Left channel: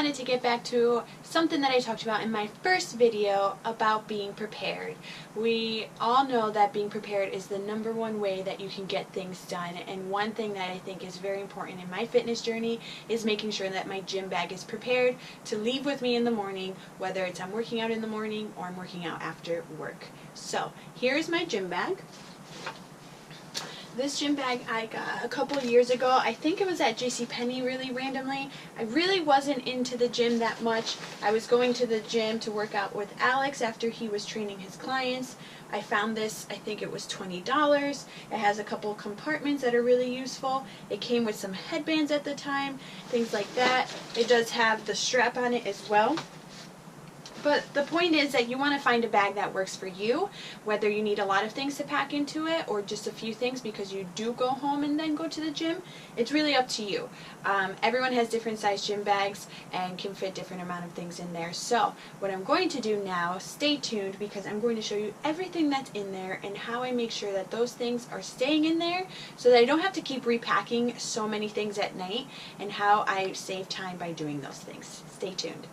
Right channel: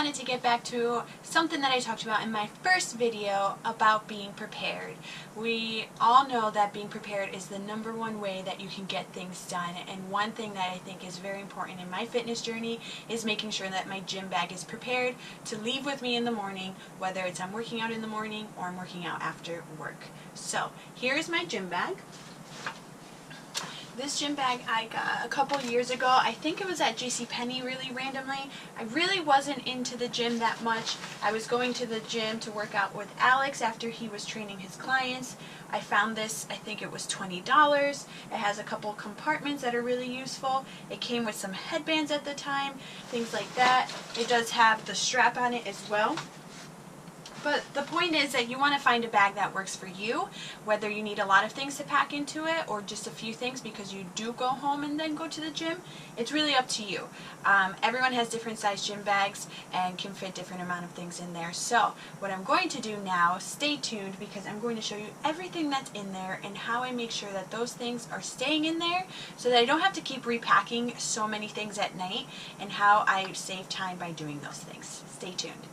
wanted to get back to something that I talked about in my first video about being prepared. We all know that being prepared is the #1 way that you can get things done, and one thing that I think is very important in my fitness journey is making sure that my gym bag is prepared to leave with me in the morning, whether it's I'm working out in the morning or I'm working out after work. So here's my gym bag. This gym bag I got a couple years ago. I think it was at JCPenney really randomly. I really wasn't into the gym that much. I was going to the gym to work out with Alex after he was training his clients. I found this, I think it was $20. It has a couple compartments that are really useful. It came with some headbands at the time, things like that. It does have the strap on it as well. But the point is that you want to find a bag that works for you, whether you need a lot of things to pack into it or just a few things because you do go home and then go to the gym. It's really up to you. Everyone has different size gym bags and can fit different amount of things in there. So what I'm going to do now, stay tuned because I'm going to show you everything that's in there and how I make sure that those things are staying in there so that I don't have to keep repacking so many things at night, and how I save time by doing those things. Stay tuned.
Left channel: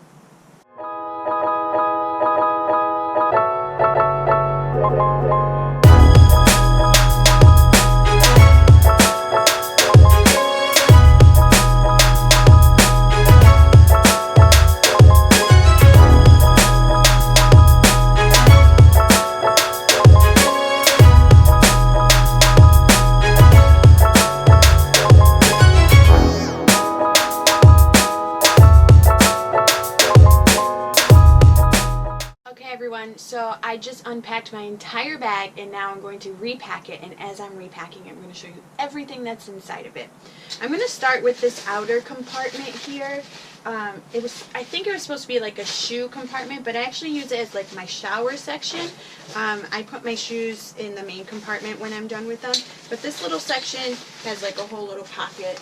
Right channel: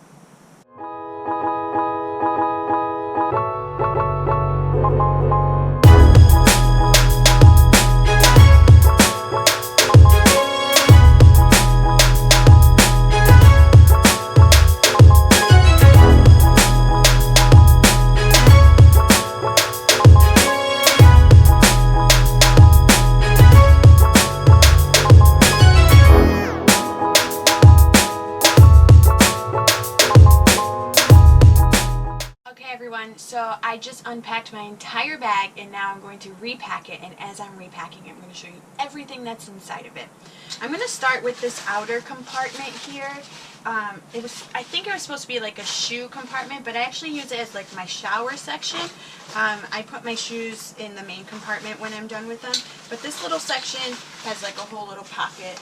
So I just unpacked my entire bag and now I'm going to repack it, and as I'm repacking I'm going to show you everything that's inside of it. I'm going to start with this outer compartment here. I think it was supposed to be like a shoe compartment, but I actually use it as like my shower section. I put my shoes in the main compartment when I'm done with them, but this little section has like a whole little pocket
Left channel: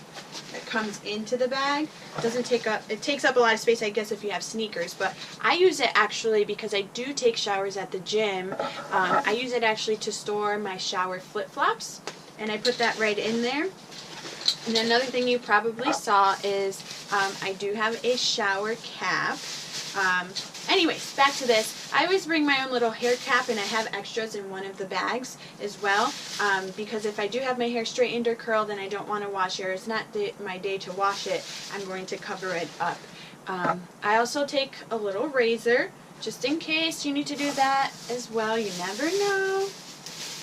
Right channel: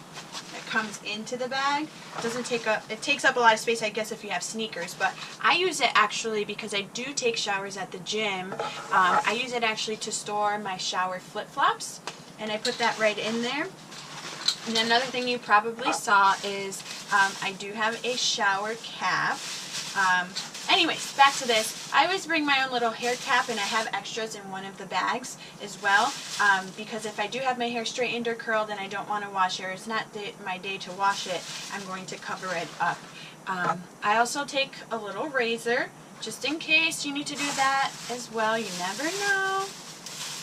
that comes into the bag. It takes up a lot of space, I guess, if you have sneakers, but I use it actually because I do take showers at the gym. I use it actually to store my shower flip-flops, and I put that right in there. And another thing you probably saw is I do have a shower cap. Anyways, back to this. I always bring my own little hair cap, and I have extras in one of the bags as well, because if I do have my hair straightened or curled and I don't want to wash it, or it's not my day to wash it, I'm going to cover it up. I also take a little razor just in case you need to do that as well. You never know.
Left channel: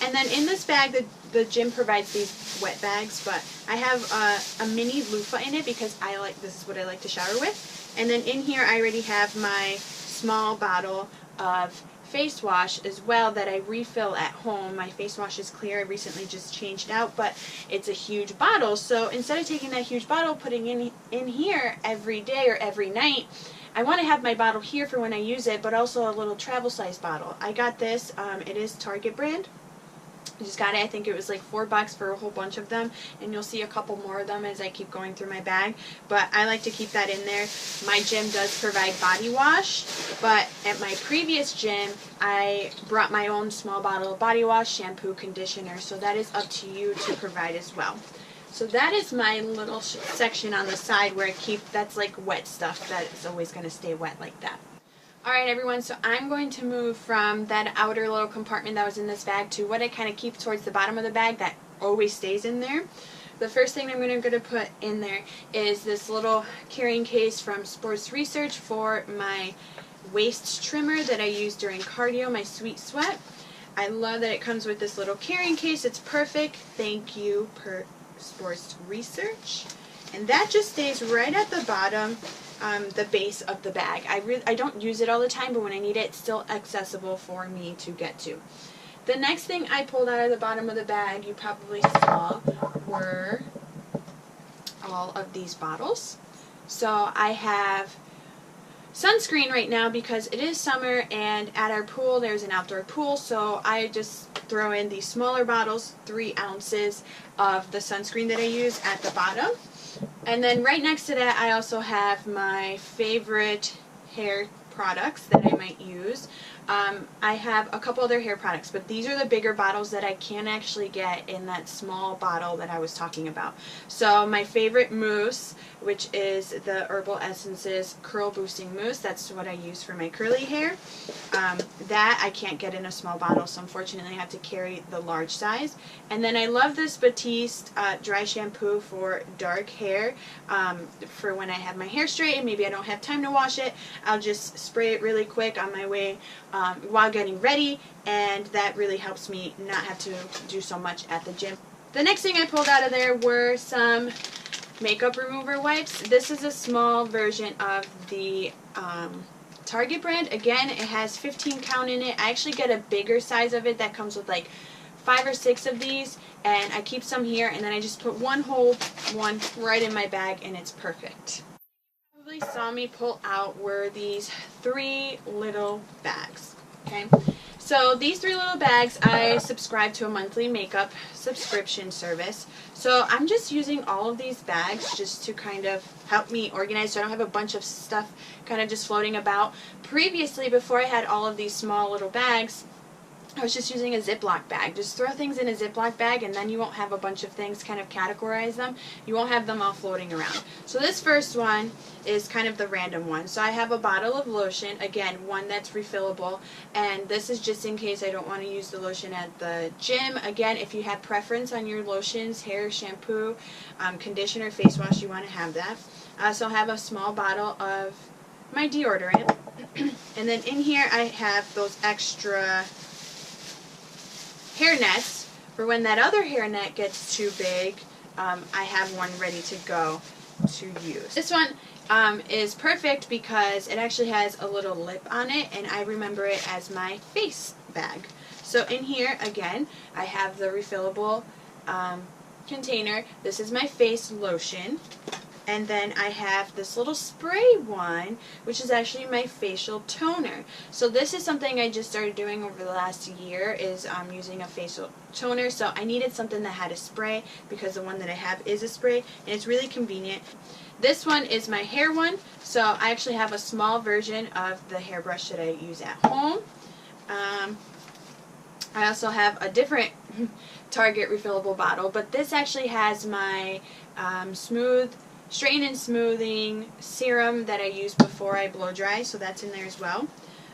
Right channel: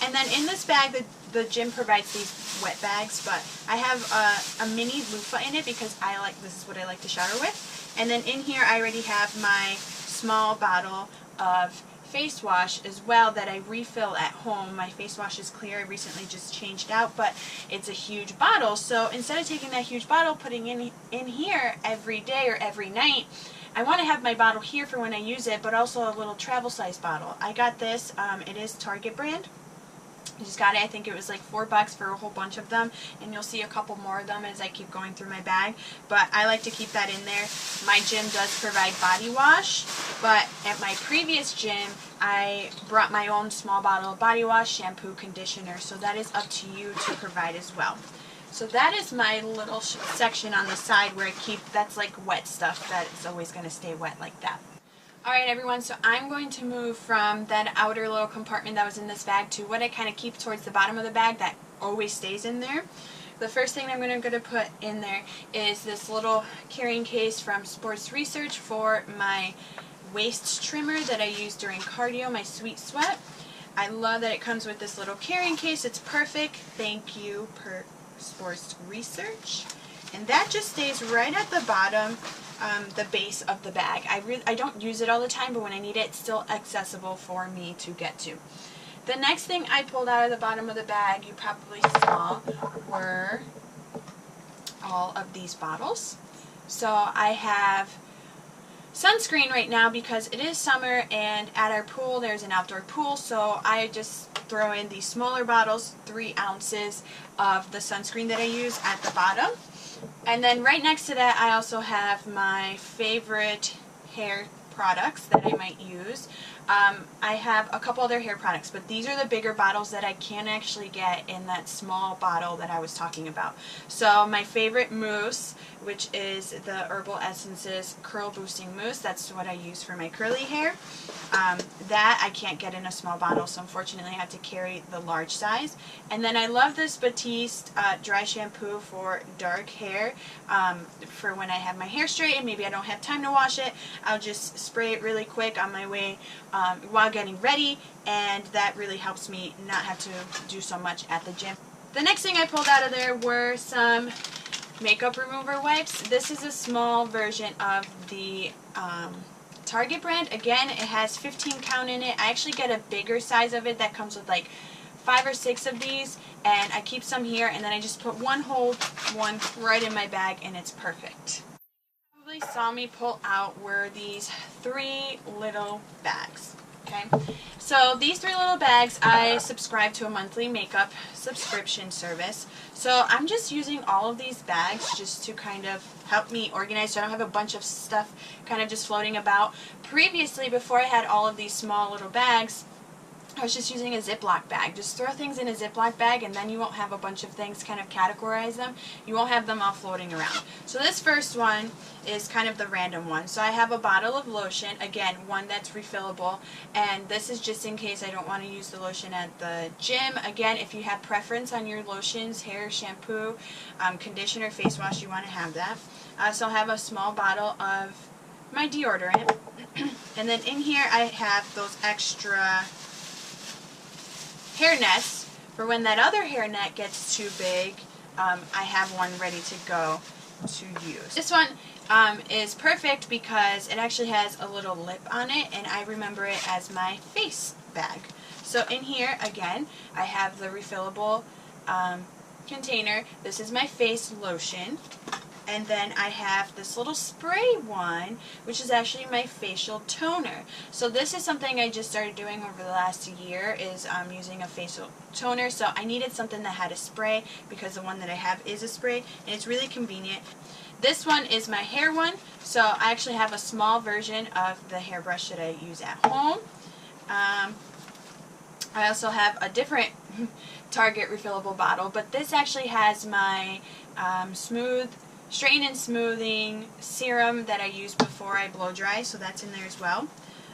And then in this bag, the gym provides these wet bags, but I have a mini loofah in it because this is what I like to shower with. And then in here I already have my small bottle of face wash as well that I refill at home. My face wash is clear. I recently just changed out, but it's a huge bottle. So instead of taking that huge bottle, putting in here every day or every night, I want to have my bottle here for when I use it, but also a little travel size bottle. I got this. It is Target brand. I just got it, I think it was like $4 for a whole bunch of them, and you'll see a couple more of them as I keep going through my bag, but I like to keep that in there. My gym does provide body wash, but at my previous gym I brought my own small bottle of body wash, shampoo, conditioner, so that is up to you to provide as well. So that is my little section on the side where I keep, that's like wet stuff that is always going to stay wet like that. Alright everyone, so I'm going to move from that outer little compartment that was in this bag to what I kind of keep towards the bottom of the bag that always stays in there. The first thing I'm going to put in there is this little carrying case from Sports Research for my waist trimmer that I use during cardio, my Sweet Sweat. I love that it comes with this little carrying case. It's perfect. Thank you, Sports Research. And that just stays right at the bottom. The base of the bag. I don't use it all the time, but when I need it, it's still accessible for me to get to. The next thing I pulled out of the bottom of the bag, you probably saw, were all of these bottles. So I have sunscreen right now because it is summer, and at our pool there's an outdoor pool, so I just throw in these smaller bottles, 3 ounces of the sunscreen that I use at the bottom. And then right next to that I also have my favorite hair products that I might use. I have a couple other hair products, but these are the bigger bottles that I can actually get in that small bottle that I was talking about. So my favorite mousse, which is the Herbal Essences Curl Boosting Mousse, that's what I use for my curly hair. That I can't get in a small bottle, so unfortunately I have to carry the large size. And then I love this Batiste dry shampoo for dark hair, for when I have my hair straight and maybe I don't have time to wash it. I'll just spray it really quick on my way while getting ready, and that really helps me not have to do so much at the gym. The next thing I pulled out of there were some makeup remover wipes. This is a small version of the Target brand. Again, it has 15 count in it. I actually get a bigger size of it that comes with like 5 or 6 of these, and I keep some here, and then I just put one whole one right in my bag, and it's perfect. Probably saw me pull out were these 3 little bags. Okay, so these 3 little bags, I subscribe to a monthly makeup subscription service, so I'm just using all of these bags just to kind of help me organize so I don't have a bunch of stuff kind of just floating about. Previously, before I had all of these small little bags, I was just using a Ziploc bag. Just throw things in a Ziploc bag, and then you won't have a bunch of things, kind of categorize them. You won't have them all floating around. So this first one is kind of the random one. So I have a bottle of lotion, again, one that's refillable, and this is just in case I don't want to use the lotion at the gym. Again, if you have preference on your lotions, hair, shampoo, conditioner, face wash, you want to have that. I also have a small bottle of my deodorant, and then in here I have those extra hair nets for when that other hair net gets too big. I have one ready to go to use. This one is perfect because it actually has a little lip on it, and I remember it as my face bag. So in here, again, I have the refillable container. This is my face lotion. And then I have this little spray one, which is actually my facial toner. So this is something I just started doing over the last year, is using a facial toner. So I needed something that had a spray because the one that I have is a spray, and it's really convenient. This one is my hair one. So I actually have a small version of the hairbrush that I use at home. I also have a different Target refillable bottle, but this actually has my Straighten and Smoothing Serum that I use before I blow dry, so that's in there as well.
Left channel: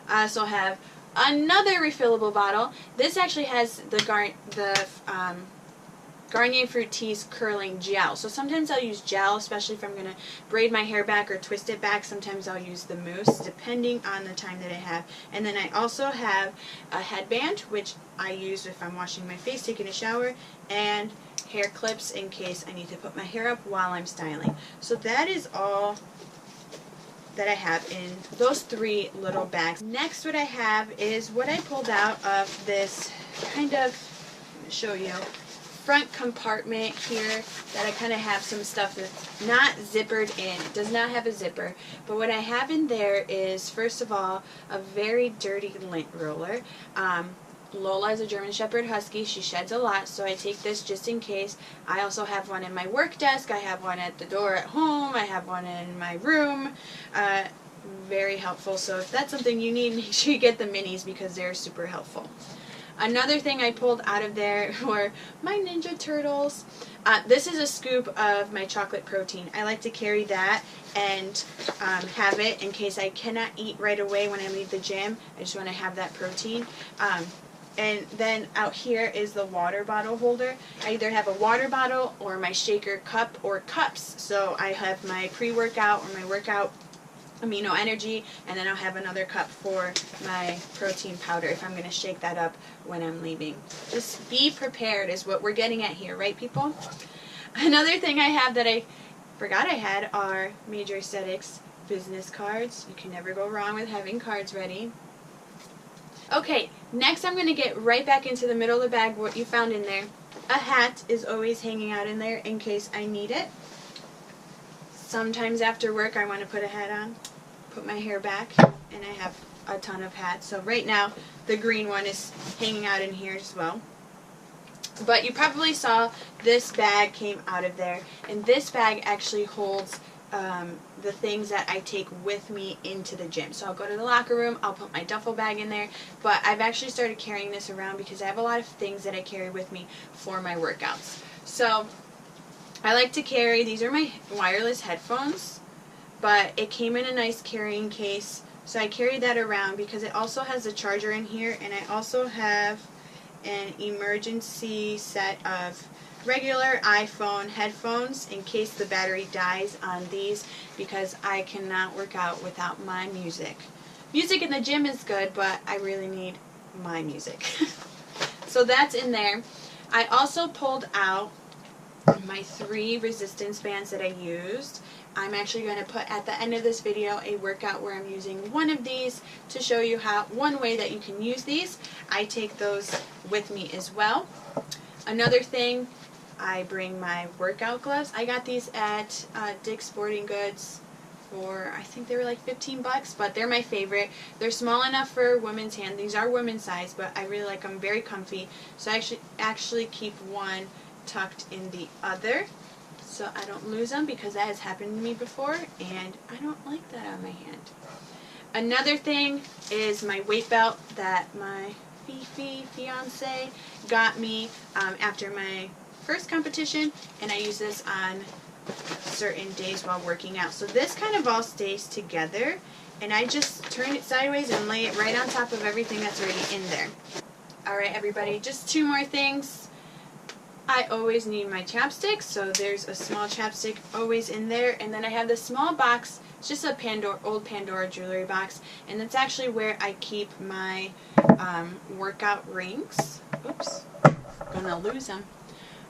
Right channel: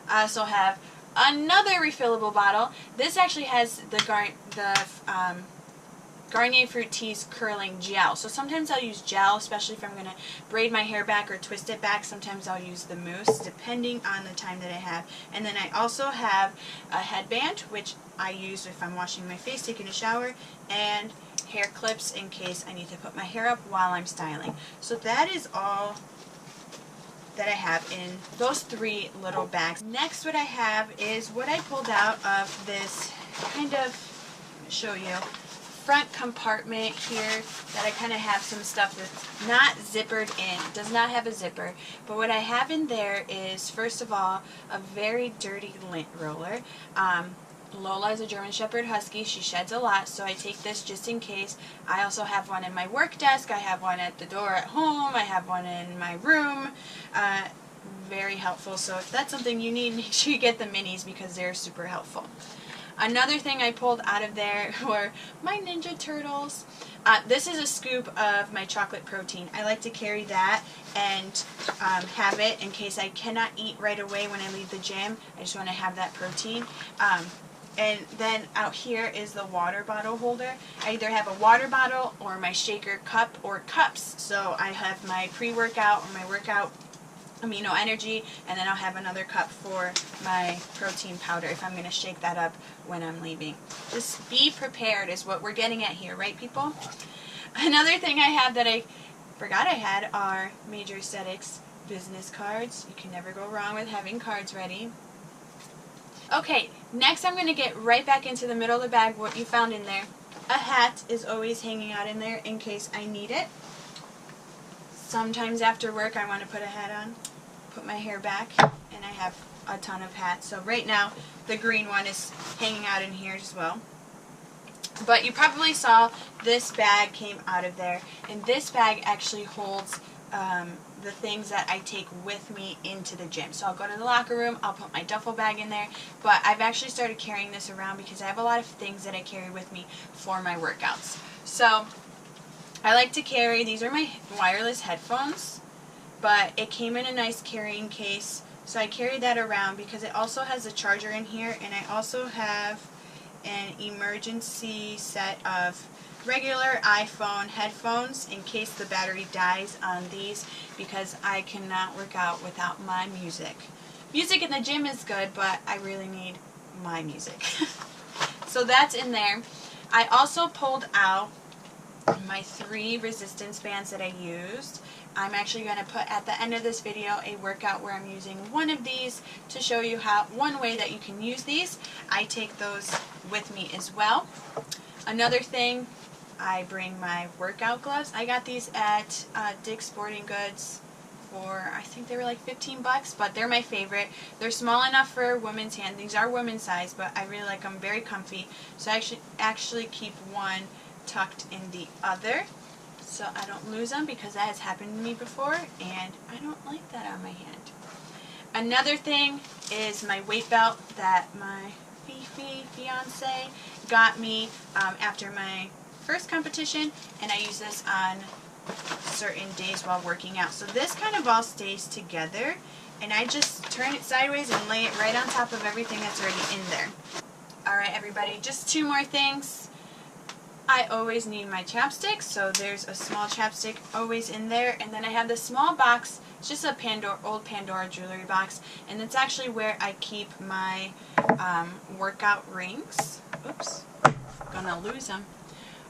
I also have another refillable bottle. This actually has the Garnier Fructis Curling Gel. So sometimes I'll use gel, especially if I'm going to braid my hair back or twist it back. Sometimes I'll use the mousse, depending on the time that I have. And then I also have a headband, which I use if I'm washing my face, taking a shower, and hair clips in case I need to put my hair up while I'm styling. So that is all that I have in those 3 little bags. Next, what I have is what I pulled out of this kind of, I'm going to show you, front compartment here that I kind of have some stuff that's not zippered in. It does not have a zipper, but what I have in there is, first of all, a very dirty lint roller. Lola is a German Shepherd Husky. She sheds a lot, so I take this just in case. I also have one in my work desk. I have one at the door at home. I have one in my room. Very helpful. So if that's something you need, make sure you get the minis because they're super helpful. Another thing I pulled out of there were my Ninja Turtles. This is a scoop of my chocolate protein. I like to carry that and have it in case I cannot eat right away when I leave the gym. I just want to have that protein. And then out here is the water bottle holder. I either have a water bottle or my shaker cup or cups. So I have my pre-workout or my workout amino energy, and then I'll have another cup for my protein powder if I'm going to shake that up when I'm leaving. Just be prepared is what we're getting at here, right, people? Another thing I have that I forgot I had are Major Aesthetics business cards. You can never go wrong with having cards ready. Okay, next I'm going to get right back into the middle of the bag, what you found in there. A hat is always hanging out in there in case I need it. Sometimes after work I want to put a hat on, put my hair back, and I have a ton of hats. So right now the green one is hanging out in here as well. But you probably saw this bag came out of there, and this bag actually holds the things that I take with me into the gym. So I'll go to the locker room, I'll put my duffel bag in there, but I've actually started carrying this around because I have a lot of things that I carry with me for my workouts. So I like to carry, these are my wireless headphones, but it came in a nice carrying case, so I carry that around because it also has a charger in here, and I also have an emergency set of regular iPhone headphones in case the battery dies on these, because I cannot work out without my music. Music in the gym is good, but I really need my music. So that's in there. I also pulled out my 3 resistance bands that I used. I'm actually going to put at the end of this video a workout where I'm using one of these to show you one way that you can use these. I take those with me as well. Another thing, I bring my workout gloves. I got these at Dick's Sporting Goods for, I think they were like 15 bucks, but they're my favorite. They're small enough for women's hand. These are women's size, but I really like them, very comfy. So I actually keep one tucked in the other so I don't lose them, because that has happened to me before and I don't like that on my hand. Another thing is my weight belt that my fiance got me after my first competition, and I use this on certain days while working out. So this kind of all stays together, and I just turn it sideways and lay it right on top of everything that's already in there. Alright everybody, just 2 more things. I always need my chapstick, so there's a small chapstick always in there, and then I have this small box. It's just a old Pandora jewelry box, and it's actually where I keep my workout rings. Oops, gonna lose them.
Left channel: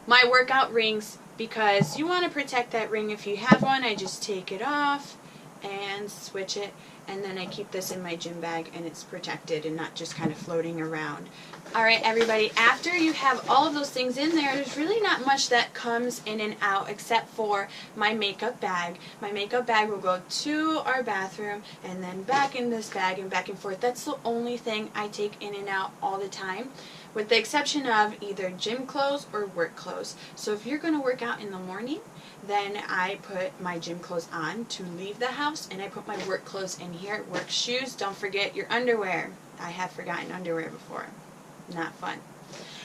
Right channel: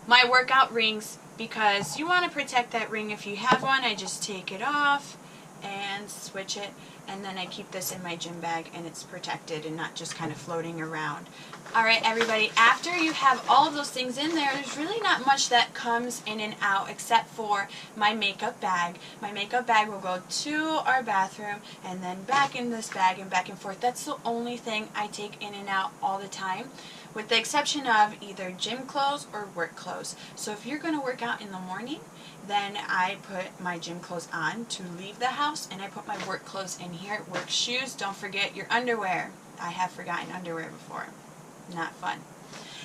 My workout rings, because you want to protect that ring. If you have one, I just take it off and switch it, and then I keep this in my gym bag and it's protected and not just kind of floating around. Alright everybody, after you have all of those things in there, there's really not much that comes in and out except for my makeup bag. My makeup bag will go to our bathroom and then back in this bag and back and forth. That's the only thing I take in and out all the time, with the exception of either gym clothes or work clothes. So if you're going to work out in the morning, then I put my gym clothes on to leave the house, and I put my work clothes in here. Work shoes, don't forget your underwear. I have forgotten underwear before. Not fun.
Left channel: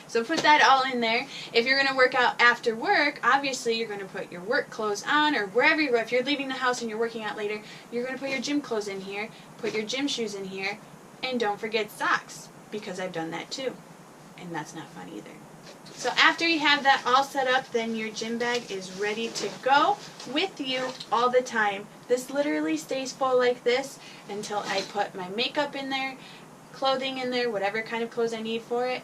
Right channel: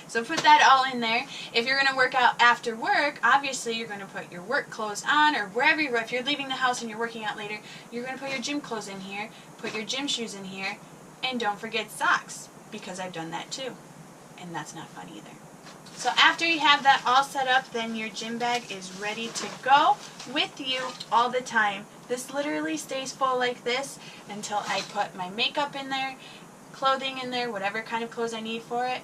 So put that all in there. If you're going to work out after work, obviously you're going to put your work clothes on, or wherever you go. If you're leaving the house and you're working out later, you're going to put your gym clothes in here, put your gym shoes in here, and don't forget socks, because I've done that too. And that's not fun either. So after you have that all set up, then your gym bag is ready to go with you all the time. This literally stays full like this until I put my makeup in there, clothing in there, whatever kind of clothes I need for it.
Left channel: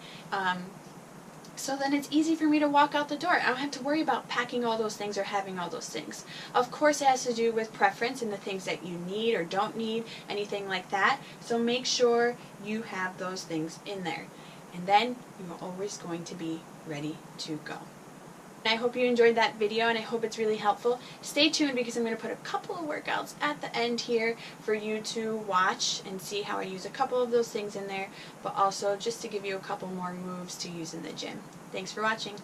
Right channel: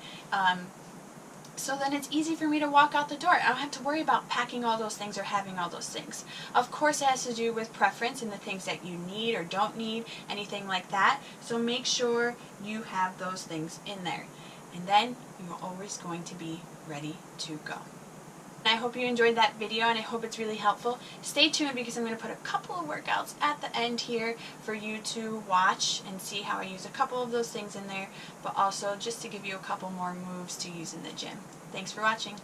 So then it's easy for me to walk out the door. I don't have to worry about packing all those things or having all those things. Of course, it has to do with preference and the things that you need or don't need, anything like that. So make sure you have those things in there. And then you're always going to be ready to go. I hope you enjoyed that video, and I hope it's really helpful. Stay tuned, because I'm going to put a couple of workouts at the end here for you to watch and see how I use a couple of those things in there, but also just to give you a couple more moves to use in the gym. Thanks for watching.